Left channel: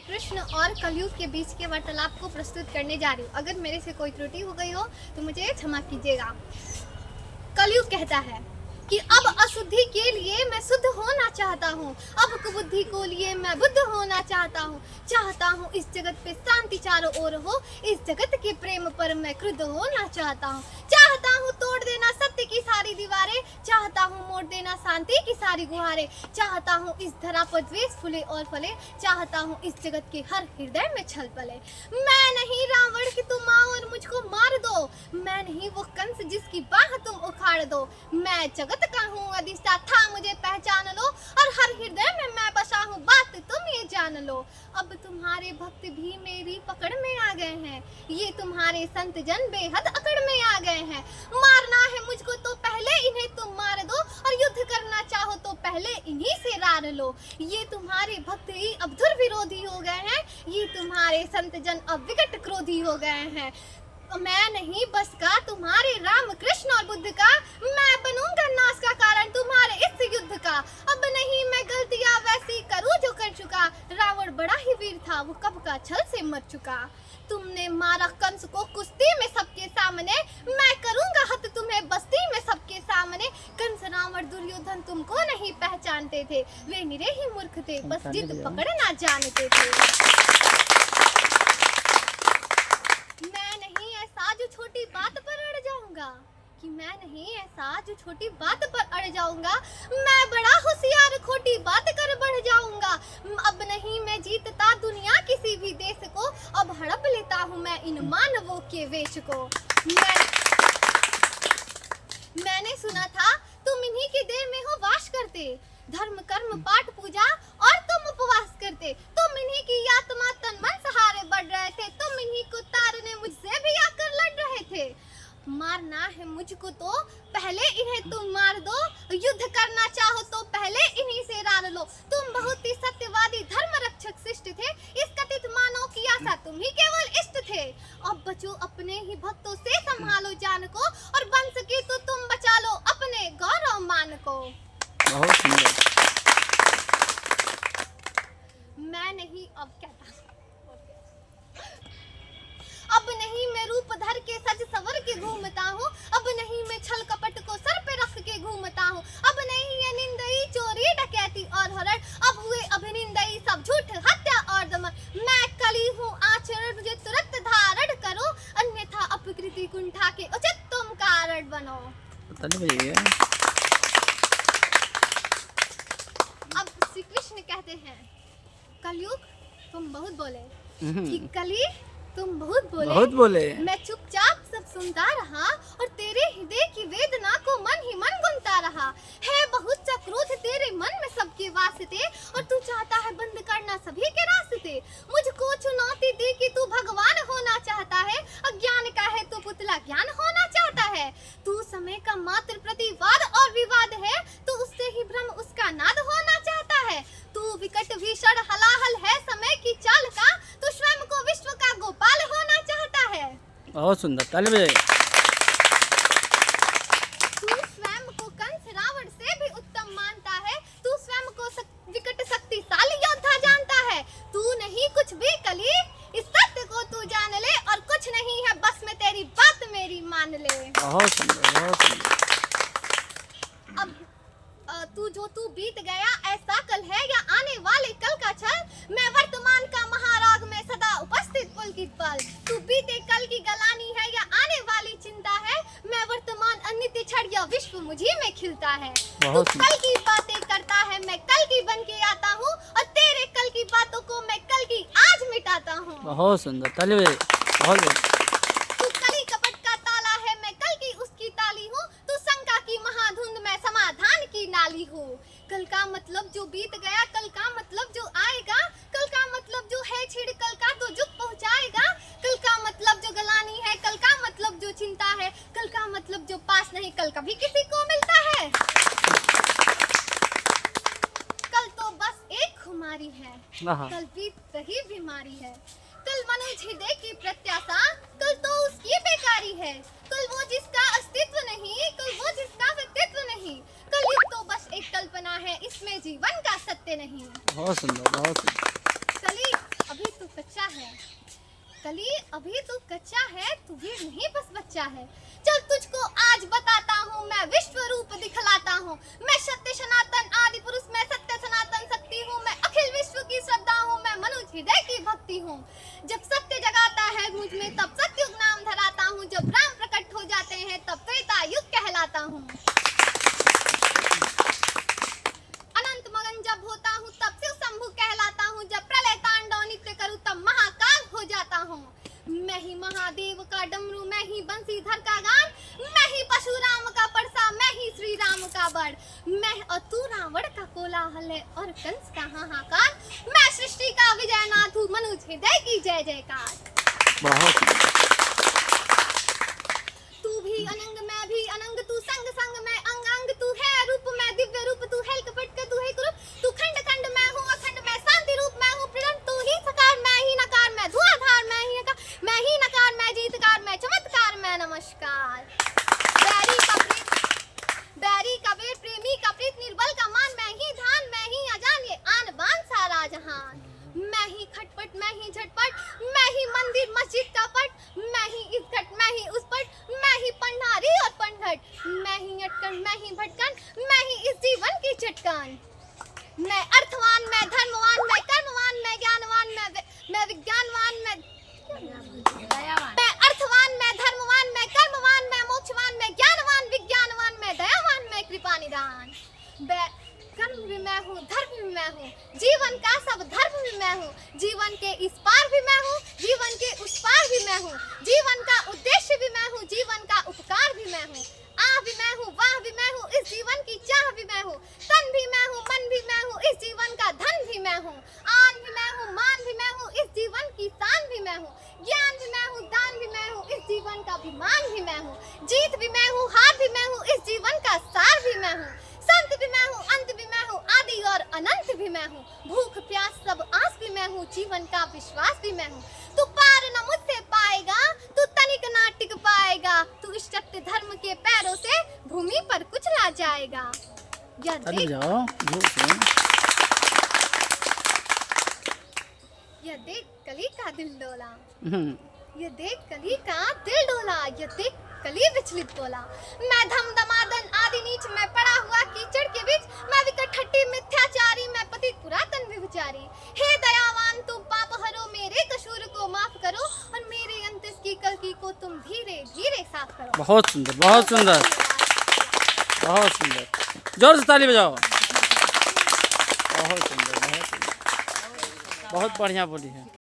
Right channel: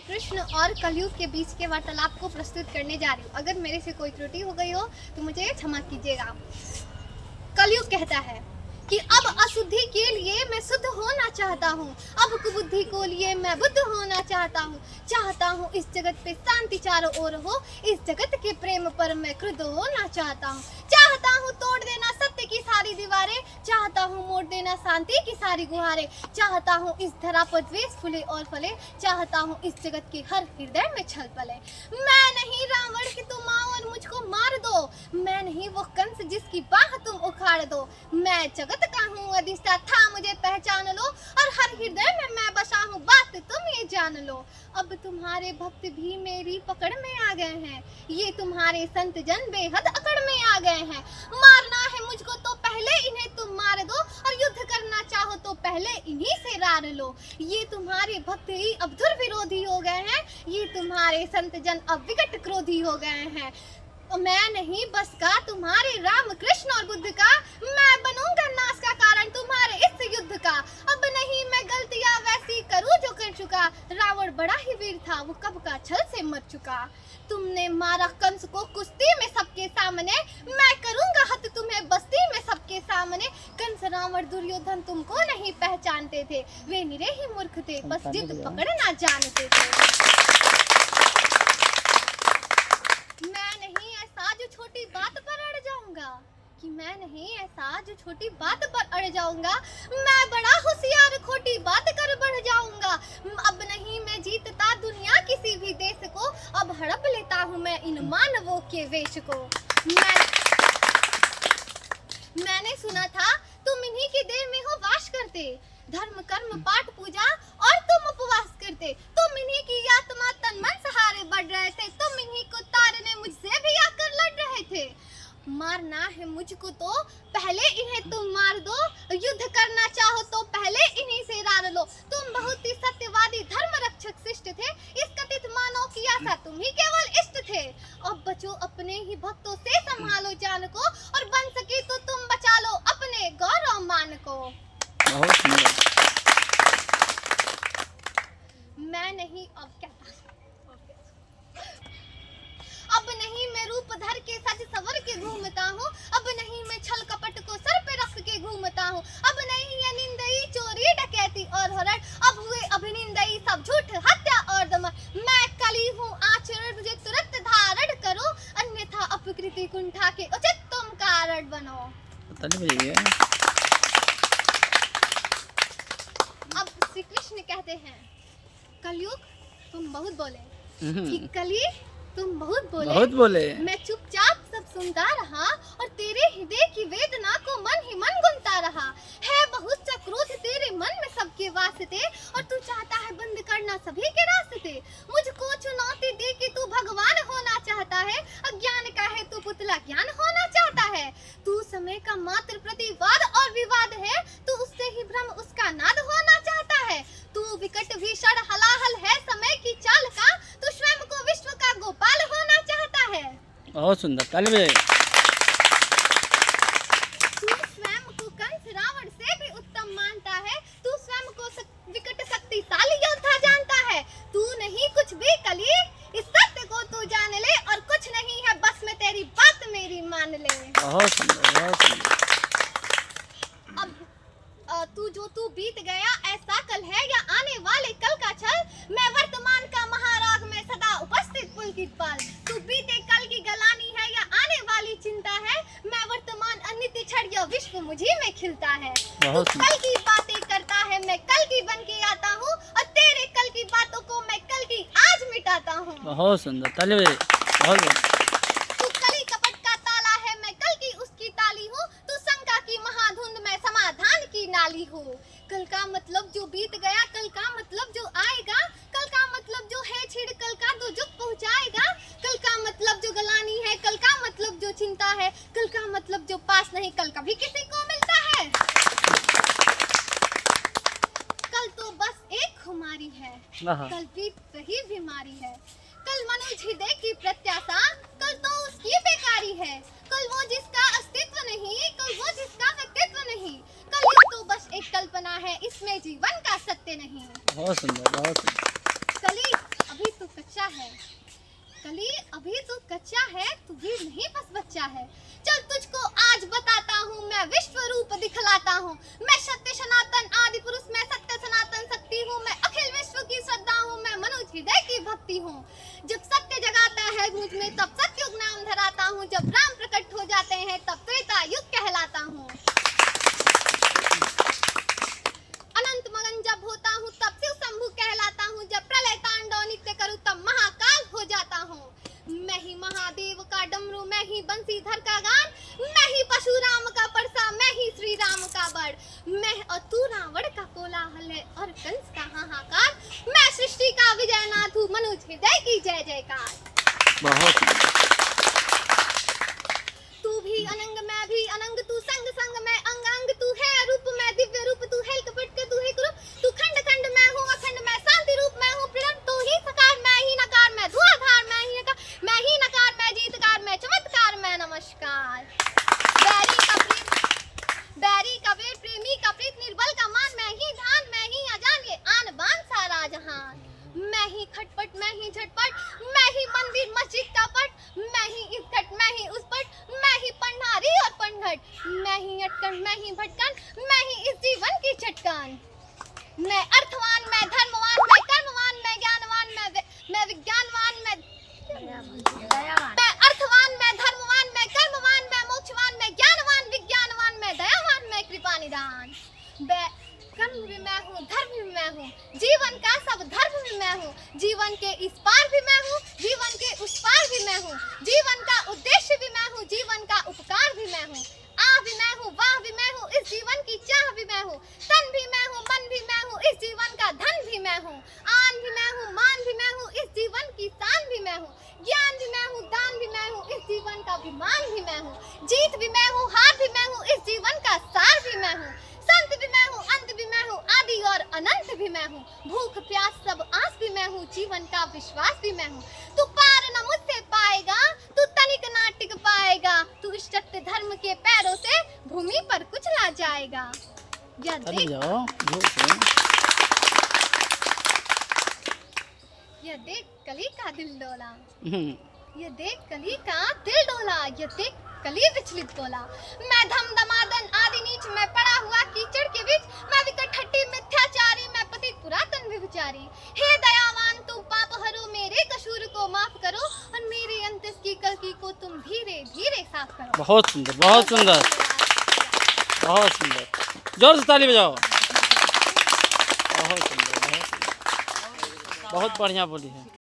कृष्ण और कलयुग के बीच के वार्तालाप को प्रस्तुत करने जा रही हूँ। अगर मेरे से कोई त्रुटि हो गई हो तो मुझे क्षमा कीजिएगा। कलयुग कहता है कि अब अशुद्धि के लिए मैं शुद्ध होना चाहता हूँ, अब कुबुद्धि को लिए मैं बुद्ध होना चाहता हूँ इस जगत पे शांति चारों ओर हो, इस जगत के प्रेम पर मैं क्रुद्ध होना चाहता हूँ तोड़ देना सत्य की सारी दीवारें, चाहता हूँ मोड़ देना शांति की सारी गुहारें, चाहता हूँ इस धरा पर द्वेष फूले और फले, चाहता हूँ इस जगत के हर हृदय में छल पले। मैं नहीं रावण कि तुम आओ और मुझको मार दो, मैं नहीं वो कंस जिसकी बाह तुम उखाड़ दो, मैं जगत का हूँ अधिष्ठाता, मुझे पहचान लो और हर हृदय में मैं बसा हूँ, बात तुम ये जान लो। अब तुम्हारे भक्त भी मेरी पकड़ में आ गए हैं, ये तुम्हारे संत जन बेहद अकड़ में आ गए हैं। मारना है मुझको तो पहले इन्हें तुम मार दो, और युद्ध करना चाहो तो पहले इन्हीं से रार लो। ये तुम्हारे भक्त ही अब धुर विरोधी हो गए हैं, ये तुम्हारे संत जन अब विकट क्रोधी हो गए हैं। मैं नहीं बस का तुम्हारे राम कृष्ण और बुद्ध का, मैं बनूंगा नाश का कारण तुम्हारे इस युद्ध का। अब नहीं मैं गलतियां वैसी करूं जो कर चुका, रावण बड़ा ही वीर था वो कब का छल से मर चुका। तुमने मारा कंस को कुश्ती में सबके सामने, मैं करूंगा हत तुम्हें बस्ती में सबके सामने। कंस रावण दुर्योधन तुमको नहीं पहचानते थे, वे निरे ही मूर्ख थे, बस जिद पकड़ना जानते थे। जो छोटी बात पर अड़ जाऊंगा कि मैं नहीं ऐसा जो छोटी बात पर अड़ जाऊंगा, मैं बड़ा होशियार खोटी बात कर बढ़ जाऊंगा। अब नहीं मैं जीतता दुनिया किसी भी देश को, अब हड़प लेता हूँ मैं इन मानवों के वेश को। मैंने सुना था तुम इन्हीं की देह में हो वास करते, धर्म कर्म पाठ पूजा और तुम उपवास करते, तुम इन्हीं की आत्मा तन मन सहारे बढ़ रहे थे, तुम इन्हीं को तारने मुझसे भी आकर लड़ रहे थे। मारना है मुझको तो पहले इन्हें तुम मार दो, युद्ध करना चाहो तो पहले इन्हीं से रार लो। तुम बहुत ही सत्यवादी धर्म रक्षक शिष्ट थे, इस कथित मानव की आशा तुम ही केवल इष्ट थे। अब बचो अपने ही भक्तों से, संभालो जान को, और बन सके तो तुम बचा लो अपने गौरव मान को। बहुत सुंदर। मैं नहीं अब कहता, अब नहीं मैं रूप धर के सज सवर के घूमता हूँ, अब नहीं मैं छल कपट को सर पे रख के घूमता हूँ, अब नहीं ये निंदई चोरी डकैती और हरण, अब हुए अभिनिंदई सब झूठ हत्या और दमन। मैं कली हूँ आचरण मुझे तुरंत धारण करो, अन्यथा अपकृति कुंठा के उचित तुम कारण बनो। अब श्री कृष्ण कहते हैं, कलयुग तुम बहुत बोले, कि कली तुम बहुत बोले, मैं चुपचाप सब सुनता रहा, और तेरे हृदय की वेदना को मन ही मन गुनता रहा। है बहुत सा क्रोध तेरे मन में सबके वास्ते, और तू चाहता है बंद करना सभी के रास्ते। मुझको चुनौती दी कि तू भगवान होना चाहता है, अज्ञान का है तो पुतला ज्ञान होना चाहता है। तू समय का मात्र प्रतिवाद और विवाद है, तू उससे ही भ्रम उसका नाद होना चाहता है। तू विकट भीषण हलाहल है समय की चाल का, तू स्वयं को विश्व का गोपाल होना चाहता है। बहुत सुंदर, ताली बजाइए। तू स्वयं को कंस रावण से भी उत्तम मानता है, तू स्वयं को विकट शक्तिशाली योद्धा जानता है। तू नहीं कुछ भी कली, इस सत्य को तू जान ले, और कुछ नहीं है बस में तेरी बात मेरी मान ले। बहुत सुंदर, बहुत सुंदर। अब तू बीत गया ऐसा कल है या आने वाले कल का छल, मैं वर्तमान का महाराग में सदा उपस्थित पुलकित पल। तू बीते कल की गलानी है या आने वाली चिंता है, मैं वर्तमान अनित्य क्षण या विश्व मुझे में खिलता है। तू कल की बातें करता है मैं कल की बन के आता हूँ, और तेरे कल की बातों को मैं कल की आज मिटाता हूँ। बहुत सुंदर, ताली बजाइए। बहुत तू कली कपट का ताला है मैं कल की उसकी ताली हूँ, तू शंका की महाधुंध मैं समाधान की नाली हूँ। कल का मतलब जो बीत गया, कल का मतलब जो आएगा, कल का मतलब जो है छेड़ कल का दो जुग पहुँचाएगा, कल का मतलब जो गलानी है, कल का मतलब जो चिंता है, कल का मतलब जो पास नहीं कल कभी किसी को मिलता है। कल तो बस एक खुमारी है, कल बीत रही बीमारी है, कल मनुष्य हृदय की प्रत्याशा, कल तो उसकी बेकारी है, कल वो जिसका अस्तित्व नहीं, कल वो जिसका व्यक्तित्व नहीं, कल ये तो बस एक कल्पना है, इसमें जीवन का सत्य नहीं। सुंदर, बहुत सुंदर। चलिए अब है। कली अभी तो कच्चा है, तू भी नहीं बस बच्चा है। चल तुझको आज बताता हूँ, मैं विश्व रूप दिखलाता हूँ। मैं सत्य सनातन आदि पुरुष, मैं सत्य सनातन शक्ति हूँ। मैं अखिल विश्व की श्रद्धा हूँ, मैं मनुष्य हृदय की भक्ति हूँ। जब सत्य जगाता है मुझ में तब सत्युग नाम धराता हूँ। जब राम प्रकट हो जाते हैं तब त्रेता युग कहलाता हूँ। अनंत मगन जब होता हूँ तब शिव शंभु कहलाता हूँ। जब प्रलय तांडव नित्य करूँ तब महाकाल हो जाता हूँ। मैं ही महादेव का डमरू, मैं ही बंसीधर का गान, मैं ही परशुराम का परसा, मैं ही श्री राम का बड़। मैं और तू रावण का कोलाहल है और कंस का हाहाकार। मैं सृष्टि का विजयनाथ हूँ, मनुष्य हृदय की जय जयकार। बहुत सुंदर। तू भी अनंग मैं भी अनंग, तू संग संग मैं अंग अंग, तू है रूप मैं दिव्य रूप, तू है कपट तू है कुरूप, तू खंड खंड मैं हूँ अखंड मैं शांति रूप मैं हूँ प्रणव, तू ही सकार मैं ही नकार मैं धुआंधार मैं ही नकार, मैं ही नकार मैं जीतकार मैं चमत्कार मैं नमस्कार। बैरी का वीर प्रेमी का प्रीत निर्बल का मान, मैं ही ध्यान मैं ही अजान ये आन बान सारा जहान। मैं ही खटपट मैं ही झटपट, मैं ही मंदिर मस्जिद का पट, मैं ही इस घट मैं ही उस पट, मैं ही पंडारी और पंडघट, मैं ही अटकन मैं ही भटकन, मैं ही इस जीवन की चटकन। मैं अर्थवान मैं धर्मवान मैं कर्मवान मैं ज्ञानवान मैं विज्ञानवान मैं अर्थवान मैं धर्मवान मैं कर्मवान मैं मोक्षवान मैं ज्ञानवान विज्ञानवान मैं दयावान मैं कृपा निदान। कर्म भी मैं हूँ, धर्म भी मैं हूँ, जीवन का सब धर्म भी मैं हूँ। जीवन के इस पार भी मैं हूँ, जीवन के उस पार भी मैं हूँ। जीवन का उद्देश्य भी मैं हूँ, जीवन का उपकार भी मैं हूँ। आ भी मैं हूँ, वाह भी मैं हूँ, इस जीवन की चाह भी मैं हूँ। तन भी मैं हूँ, मन भी मैं हूँ, इस जीवन का धन भी मैं हूँ। आन भी मैं हूँ, मान भी मैं हूँ, इस जीवन की शान भी मैं हूँ। ज्ञान भी मैं हूँ, दान भी मैं हूँ, इस जीवन का अभिमान भी मैं हूँ। जीत भी मैं हूँ, हार भी मैं हूँ, इस जीवन का सार भी मैं हूँ। संत भी मैं हूँ, अंत भी मैं हूँ, आदि और अनंत भी मैं हूँ। भूख प्यास सब आस भी मैं हूँ, जीवन का विश्वास भी मैं हूँ। तू पार न मुझसे पाएगा, तू तनिक ना टिक पाएगा, तू इस सत्य धर्म के पैरों से भूमि पर कुचला जाएगा। चल जाओ। ये देख कली का दिल डोला, ये देख कली का दिल डोला, ये देख कली विचलित बोला। मैं धम दमादन आदि नीच, मैं पड़ा हुआ कीचड़ के बीच, मैं विकट हट्टी मिथ्याचारी, मैं पतित पुरातन व्यभिचारी। हे दयावान तुम पाप हरो, मेरे कसूर को माफ करो और मेरे अंत की कलकी को तुम धीरे धीरे साफ करो। बहुत सुंदर, बहुत सुंदर, बहुत सुंदर। जोर से ताली बजाओ। बहुत सुंदर, बहुत सुंदर, बहुत बढ़िया बोली है।